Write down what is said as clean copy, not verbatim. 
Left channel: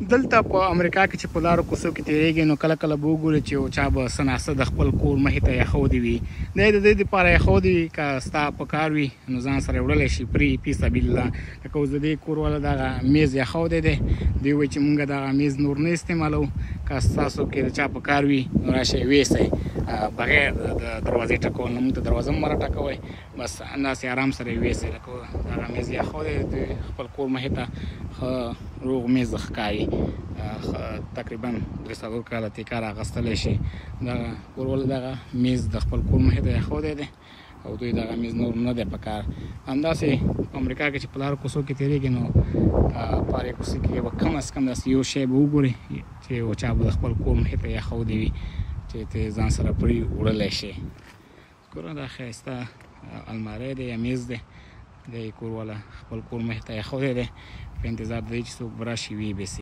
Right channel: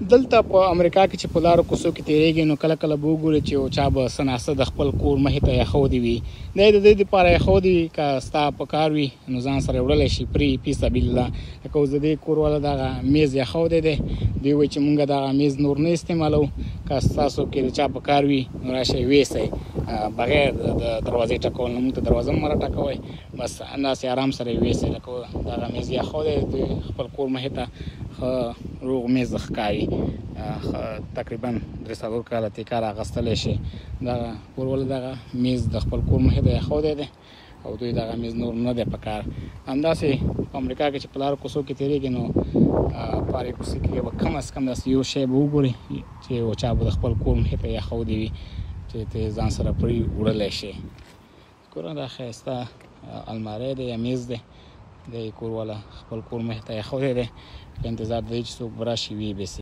دلته په امریکا کې چې په لارو کوڅو کې تیریږي نو کله کله به وګورې چې یو چا به څه ناسته د خپل کور مخې ته ایښودې وي. دا یې د دې دپاره ایښودې وي که ستا په کار وي نو ځان سره یې وړلی شي فی سبیل الله. لکه اوس د دې کور والا دغه میز ایښودی دی، دوی وایي چې مونږ دغه میز نور نه استعمالوو، که ستاسو کې د چا په کار وي نو راشئ ویسئ بغیر د دروازې ټکول نه، مونږ ته دروازه هم مه راټکوئ، بس همداسې آرام سره یې ویسئ. لکه دغه میز یې ایښودی د خپل کور مخې ته ښه روغ میز ښکاري، تقریبا 3-4 کاله ترې کار اخیستلی شي. دغه کور والا دغه میز د خپل کور مخې ته ایښودی دی او دوی دغه میز نور نه دی په کار. همداسې په امریکا کې چې په لارو کوڅو کې تېرېږي نو په هرې کوڅې کې به کم از کم داسې یو شی به وګورې چې یو چا به د خپل کور مخې ته ایښودی وي چې ته ځان سره پرې وړلی شي. ګوره دا ښایسته الماری دی یا میز دی، د کور والا خپل کور مخې ته ایښودی دی په انتظار د دې چې څوک به راشي ویې بیسي.